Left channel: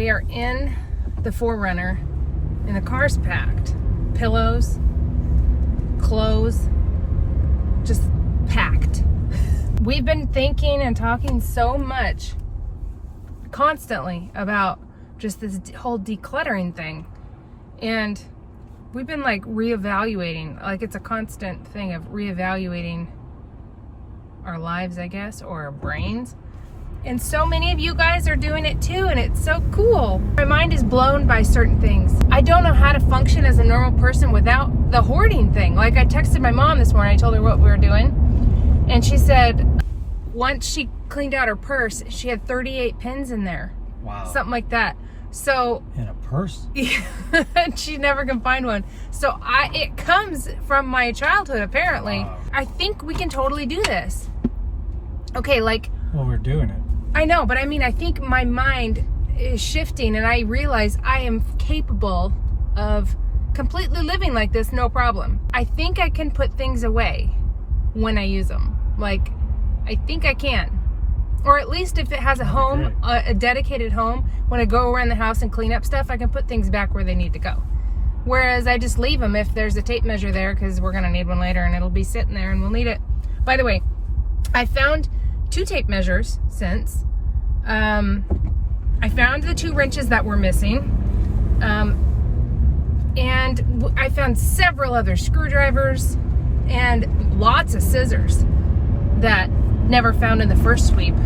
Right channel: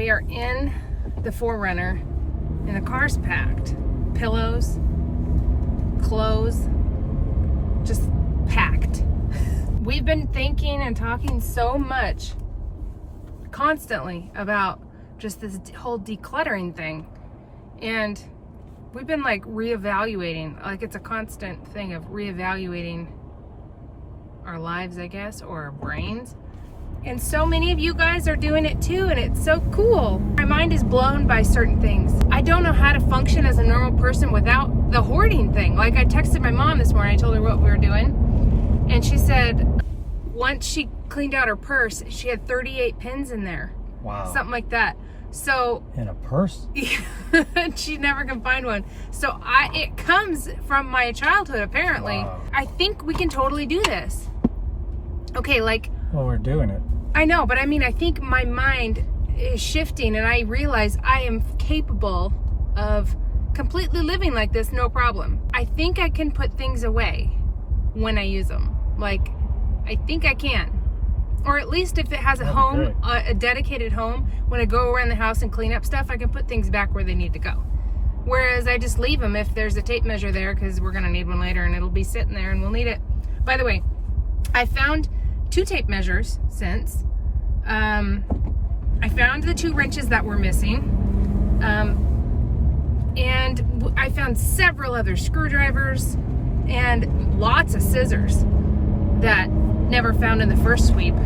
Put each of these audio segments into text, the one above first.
we are in the 4Runner and the car's packed. Pillows, clothes, just packed. We've been thinking and talking so much constantly about just this whole decluttering thing. And we've been like reevaluating, like it's a constant thing of reevaluating our lives, I guess, or our brains. And so many of you guys are doing it too, and it's so cool. My mind is blown by certain things. I don't know how to function as a normal person without the hoarding thing. Like I texted my mom this morning, I told her what we were doing, and she said once she cleaned out her purse, she had 38 pins in there. Wow. Something like that. So in a purse? Yeah, she never can find one. So it comes from my childhood, apparently. Wow. I think we can totally do this. Okay, like... Well, we're doing it. I know, but I mean, I think my mind is shifting and I realize I am capable of completely living like this, no problem. I think I can put things away when I use them. Like, I think I can. Or at least if it has a home, a dedicated home, when I go around the house and clean up stuff, I can put things back where they need to go. Whereas I just leave them if there's a tape measure there, because we're going to need one later and it'll be sitting there and we'll need it. By the way, I found 2 tape measures since. I found the 2 wrenches that were missing. And I found several other screwdrivers and lots of scissors that never found in the first sweep.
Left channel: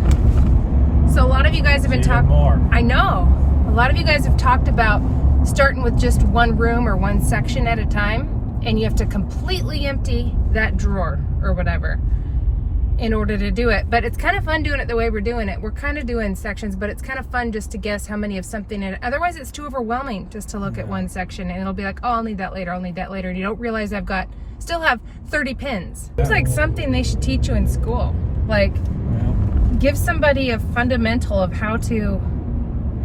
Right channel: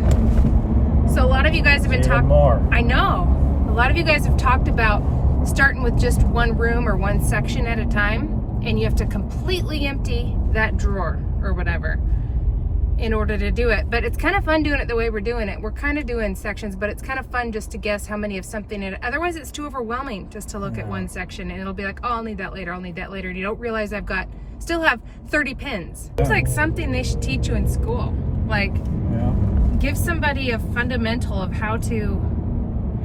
So a lot of you guys have been talking. I know. A lot of you guys have talked about starting with just one room or one section at a time, and you have to completely empty that drawer or whatever in order to do it. But it's kind of fun doing it the way we're doing it. We're kind of doing sections, but it's kind of fun just to guess how many of something in it. Otherwise, it's too overwhelming just to look at one section, and it'll be like, oh, I'll need that later, I'll need that later, and you don't realize still have 30 pins. It's like something they should teach you in school. Like, give somebody a fundamental of how to,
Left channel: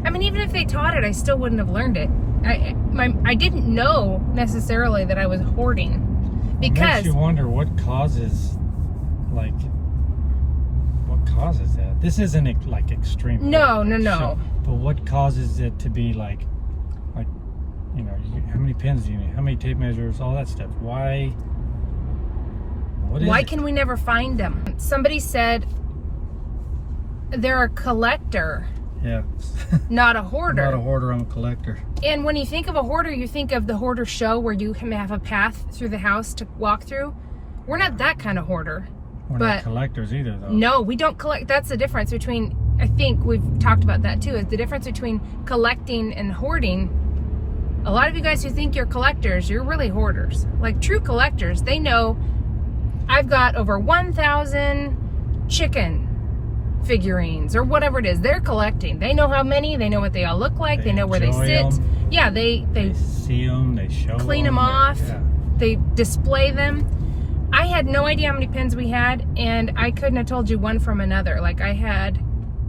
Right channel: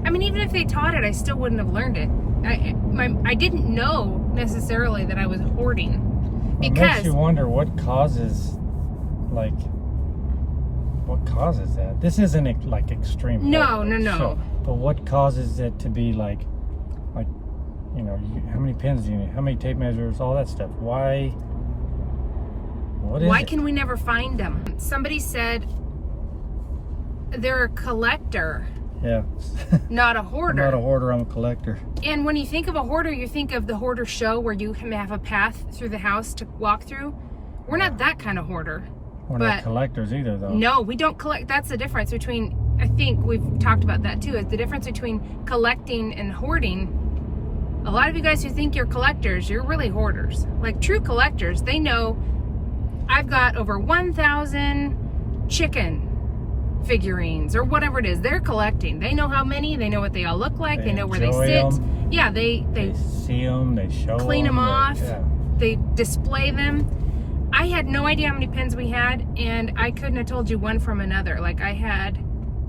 I mean, even if they taught it, I still wouldn't have learned it. I didn't know necessarily that I was hoarding. Because it makes you wonder what causes that. This isn't like extreme. No. So, but what causes it to be like, you know, how many pins do you need? How many tape measures? All that stuff. Why? Why can we never find them? Somebody said they're a collector. Yeah. Not a hoarder. I'm not a hoarder, I'm a collector. And when you think of a hoarder, you think of the hoarder show where you have a path through the house to walk through. We're not that kind of hoarder. We're not collectors either, though. No, we don't collect. That's the difference between, I think we've talked about that too, is the difference between collecting and hoarding. A lot of you guys who think you're collectors, you're really hoarders. Like true collectors, they know I've got over 1,000 chicken figurines or whatever it is. They're collecting. They know how many, they know what they all look like, they know where they sit. Them. Yeah, they see them, they show them. Clean them off, they display them. I had no idea how many pins we had, and I couldn't have told you one from another. Like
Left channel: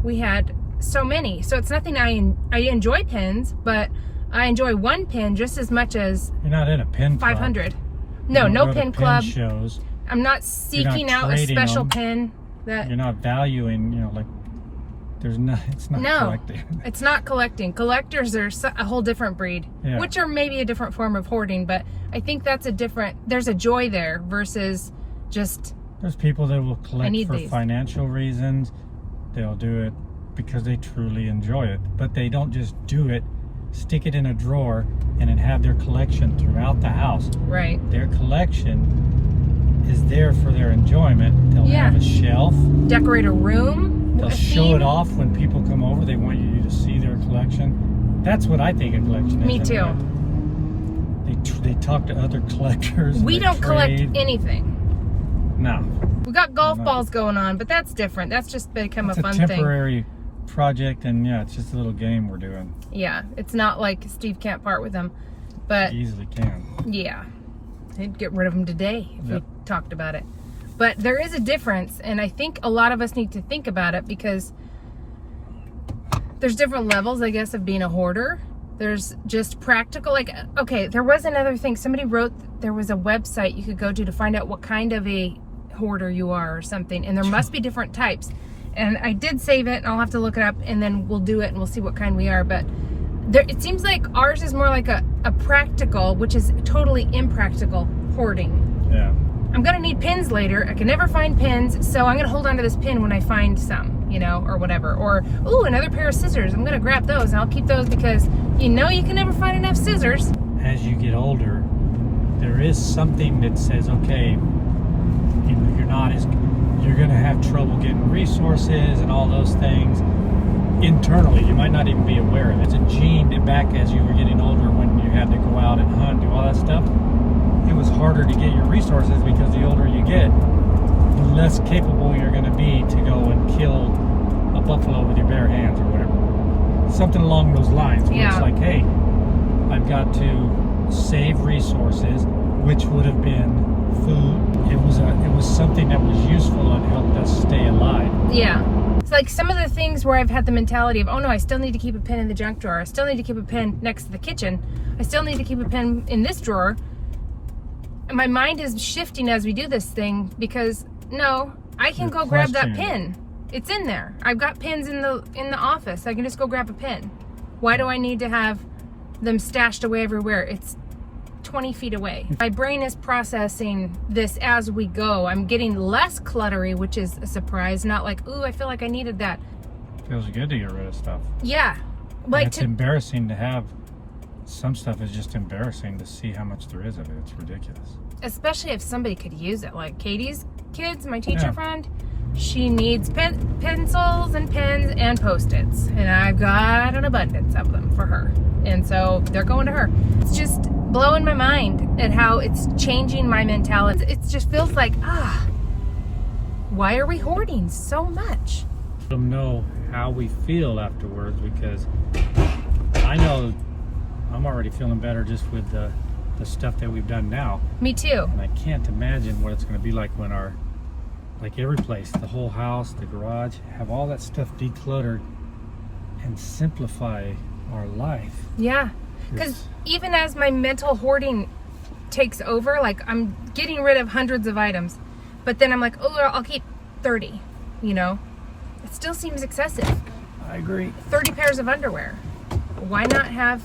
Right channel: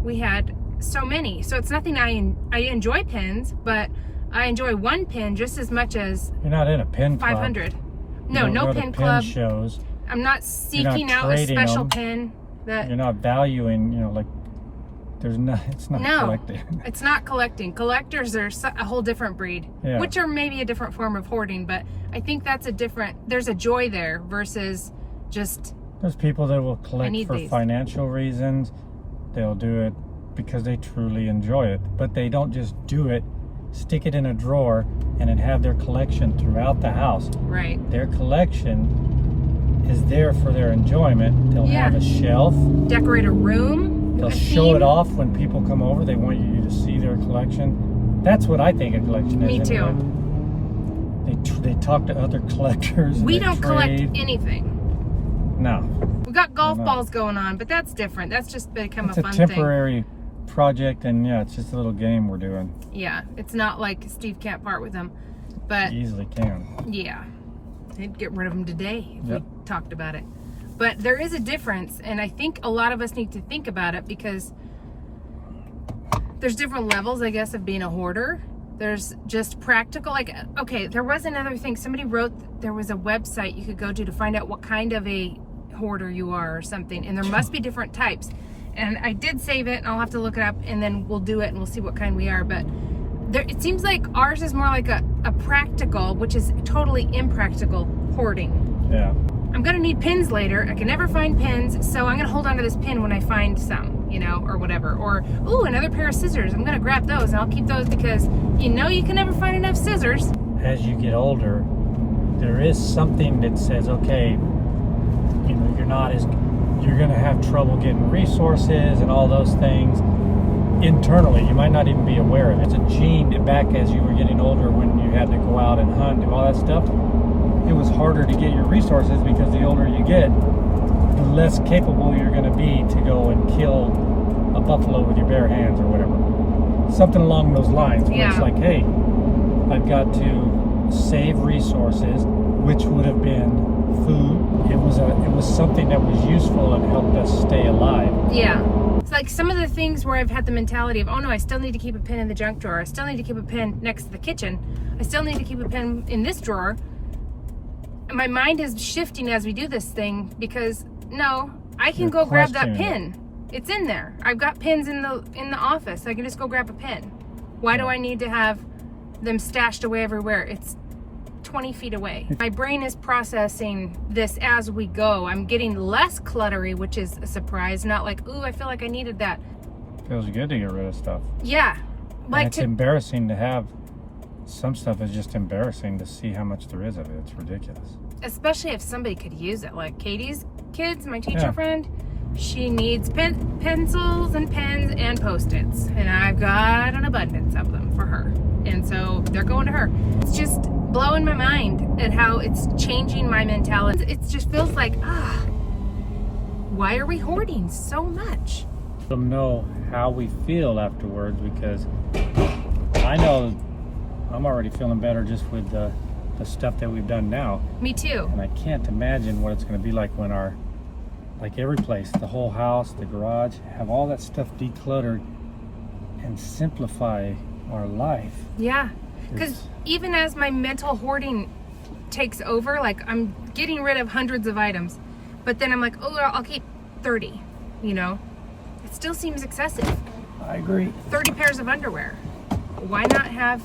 we had so many. So it's nothing I enjoy pins, but I enjoy one pin just as much as you're not in a pin 500. Club. No pin club. Shows. I'm not seeking out a special pin. That you're not valuing, you know, like it's not collecting. It's not collecting. Collectors are a whole different breed, which are maybe a different form of hoarding, but I think there's a joy there versus just. There's people that will collect for financial reasons. They'll do it because they truly enjoy it, but they don't just do it, stick it in a drawer, and then have their collection throughout the house. Right. Their collection is there for their enjoyment. They'll have a shelf. Decorate a room. They'll show it off when people come over. They want you to see their collection. That's what I think a collection is. Me too. Anyway. They talk to other collectors. We don't collect anything. No. We got golf balls going on, but that's different. That's just become a fun thing. It's a temporary project, and it's just a little game we're doing. Yeah, it's not like Steve can't part with them, but easily can. Yeah, he'd get rid of them today if we talked about it. But there is a difference, and I think a lot of us need to think about it because there's different levels, I guess, of being a hoarder. There's just practical, like, okay, there was another thing. Somebody wrote, there was a website you could go to find out what kind of a hoarder you are or something, and there must be different types. And I did save it, and I'll have to look it up, and then we'll do it, and we'll see what kind we are. But it seems like ours is more like a practical, which is totally impractical, hoarding. Yeah. I'm going to need pins later. I can never find pins, so I'm going to hold on to this pin when I find some, you know, or whatever. Or, ooh, another pair of scissors. I'm going to grab those, and I'll keep those because you know you can never find enough scissors. As you get older, there is something that says, okay, you know, you're going to have trouble getting resources and all those things internally. You might not even be aware of it. It's a gene back as you were getting older when you had to go out and hunt and all that stuff. It was harder to get your resources because the older you get, the less capable you're going to be to go and kill a buffalo with your bare hands or whatever. Something along those lines where it's like, hey, I've got to save resources, which would have been food. It was something that was useful and helped us stay alive. Yeah. It's like some of the things where I've had the mentality of, oh no, I still need to keep a pen in the junk drawer. I still need to keep a pen next to the kitchen. I still need to keep a pen in this drawer. My mind is shifting as we do this thing because no, I can go grab that pin. It's in there. I've got pins in the office. I can just go grab a pin. Why do I need to have them stashed away everywhere? It's 20 feet away. My brain is processing this as we go. I'm getting less cluttery, which is a surprise. Not like, ooh, I feel like I needed that. Feels good to get rid of stuff. Yeah. Like it's embarrassing to have. Some stuff is just embarrassing to see how much there is of it. It's ridiculous. Especially if somebody could use it. Like Katie's kids, my teacher friend, she needs pencils and pens and Post-its. And I've got an abundance of them for her. And so they're going to her. It's just blowing my mind at how it's changing my mentality. It just feels like, why are we hoarding so much? Let them know how we feel afterwards because I know I'm already feeling better just with the stuff that we've done now. Me too. And I can't imagine what it's going to be like when like every place, the whole house, the garage, have all that stuff decluttered and simplify our life. Yeah. Because even as my mental hoarding takes over, like I'm getting rid of hundreds of items, but then I'm like, oh, I'll keep 30, you know? It still seems excessive. I agree. 30 pairs of underwear. Why not have...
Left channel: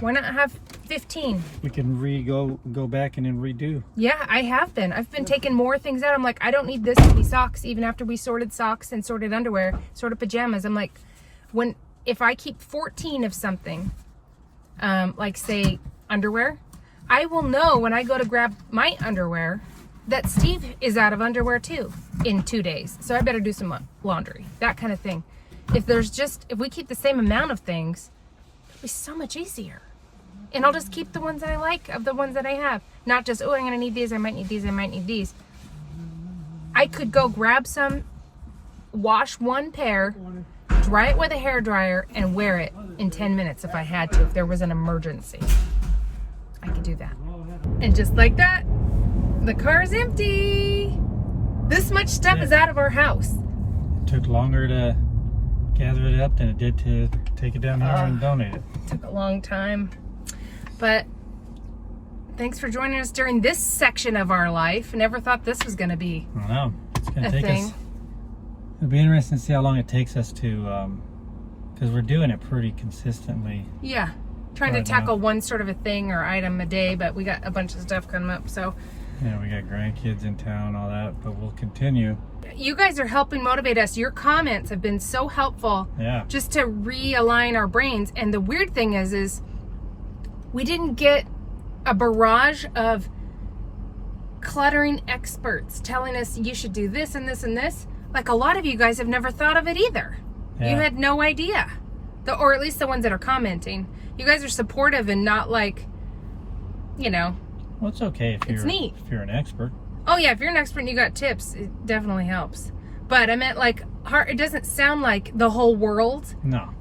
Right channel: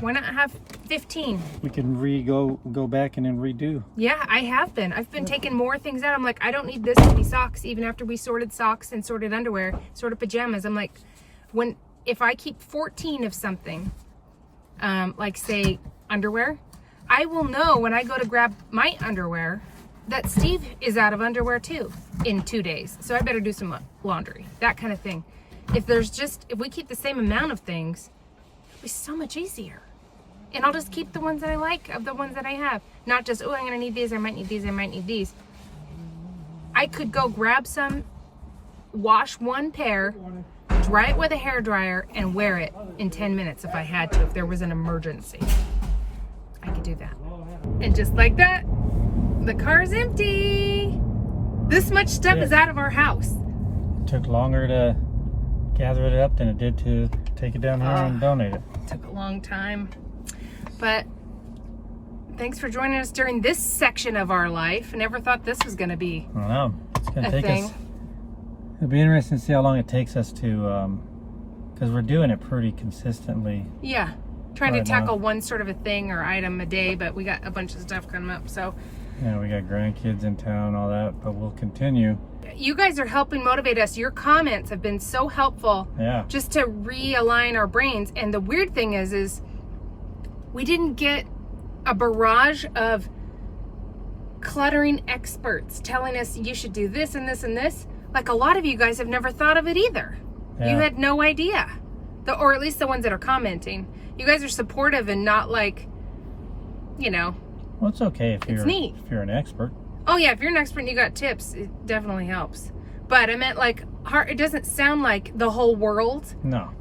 why not have 15? We can go back and then redo. Yeah, I have been. I've been taking more things out. I'm like, I don't need this many socks, even after we sorted socks and sorted underwear, sorted pajamas. I'm like, if I keep 14 of something, like say underwear, I will know when I go to grab my underwear that Steve is out of underwear too in 2 days. So I better do some laundry, that kind of thing. If we keep the same amount of things, it'll be so much easier. And I'll just keep the ones that I like of the ones that I have. Not just, oh, I'm going to need these, I might need these, I might need these. I could go grab some, wash one pair, dry it with a hairdryer, and wear it in 10 minutes if I had to, if there was an emergency. I could do that. And just like that, the car's empty. This much stuff is out of our house. It took longer to gather it up than it did to take it down here and donate it. Took a long time. But thanks for joining us during this section of our life. Never thought this was going to be I don't know. It's going to take thing. us. It'll be interesting to see how long it takes us to, because we're doing it pretty consistently. Yeah. Trying to tackle one sort of a thing or item a day, but we got a bunch of stuff coming up, so. Yeah, we got grandkids in town, all that, but we'll continue. You guys are helping motivate us. Your comments have been so helpful. Yeah. Just to realign our brains. And the weird thing is we didn't get a barrage of cluttering experts telling us you should do this and this and this. Like a lot of you guys have never thought of it either. Yeah. You had no idea. Or at least the ones that are commenting. You guys are supportive and not like, Well, it's okay if you're an expert. Oh yeah, if you're an expert and you got tips, it definitely helps. But I meant like, it doesn't sound like the whole world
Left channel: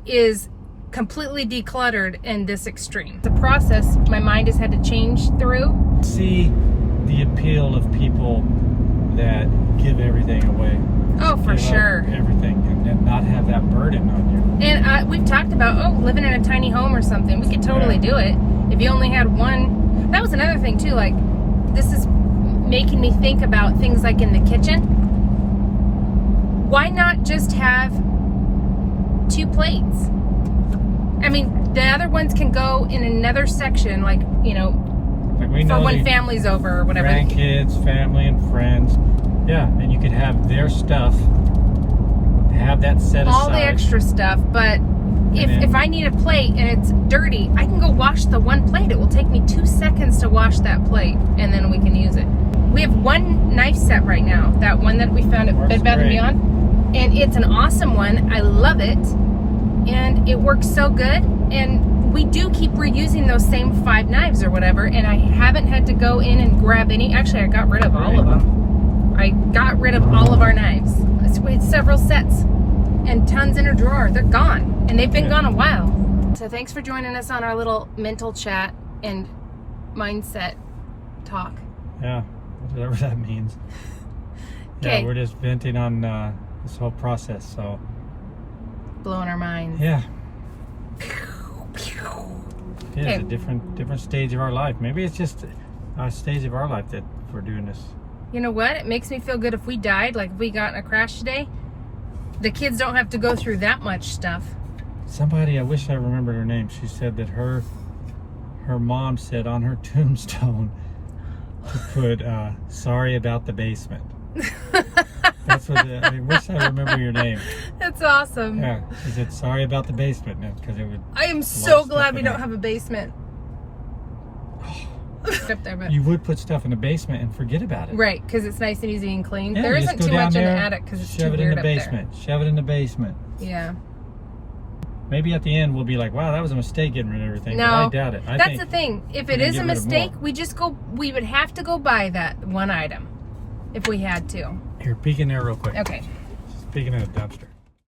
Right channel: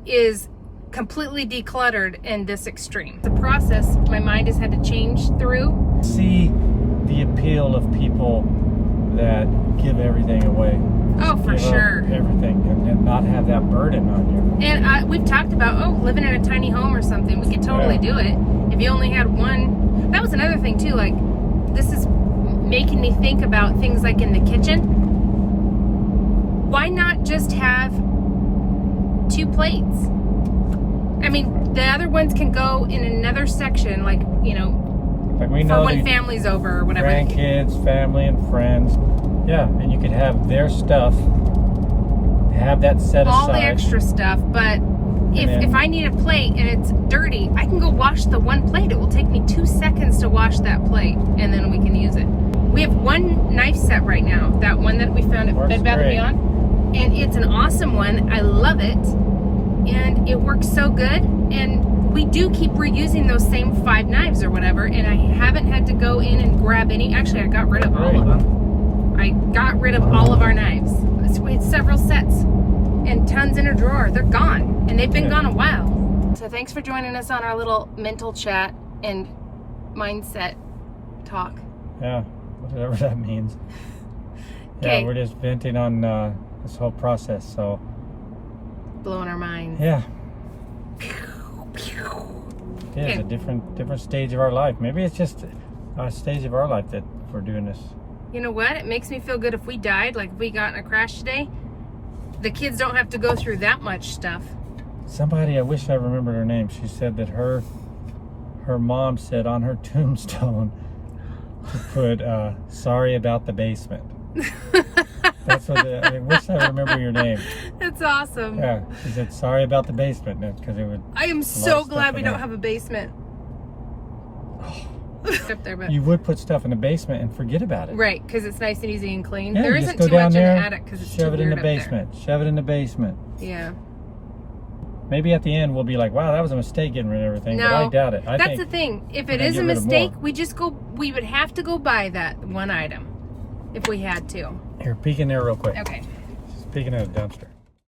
is completely decluttered and this extreme. The process my mind has had to change through. See the appeal of people that give everything away. Oh, for sure. Everything and not have that burden on you. And we've talked about, living in a tiny home or something. We could totally do it. If you only had one. That was another thing too. Like, this is making me think about things like in the kitchen. why not just have 2 plates? I mean, the other ones can go in another section, like, you know, like we know for when family's over or whatever. Grandkids, family, and friends. Yeah, and you could have their stuff, have that set aside. All the extra stuff, but if I need a plate and it's dirty, I can go wash the one plate. It will take me 2 seconds to wash that plate, and then we can use it. We have one knife set right now, that one that we found at Bed Bath & Beyond, and it's an awesome one. I love it, and it works so good, and we do keep reusing those same 5 knives or whatever, and I haven't had to go in and grab any. Actually, I got rid of all of them. I got rid of all of our knives. We had several sets and tons in a drawer. They're gone, and they've been gone a while. So thanks for joining us on our little mental chat and mindset talk. Yeah, whatever that means. Okay. Yeah, we're just venting on this whole process, so. Blowing our minds. Yeah. Yeah, it's a different stage of our life. Maybe it's just a stage of our life that we're doing this. You know what? It makes me feel good if we died, like if we got in a crash today. The kids don't have to go through that much stuff. Somebody, I wish I remembered her name. She said that her mom said on her tombstone to put sorry about the basement. That's what I wish I remember your name. That's awesome. Yeah, she said sorry about the basement because it would. I am so glad we don't have a basement. Up there, but you would put stuff in the basement and forget about it. Right, because it's nice and easy and clean. Yeah, there isn't too much in the attic because it's too weird up there. Shove it in the basement. Yeah. Maybe at the end we'll be like, wow, that was a mistake getting rid of everything. No, but I doubt it. That's the thing. If it is a mistake, we would have to go buy that one item if we had to. Here, peek in there real quick. Okay. Speaking of the dumpster.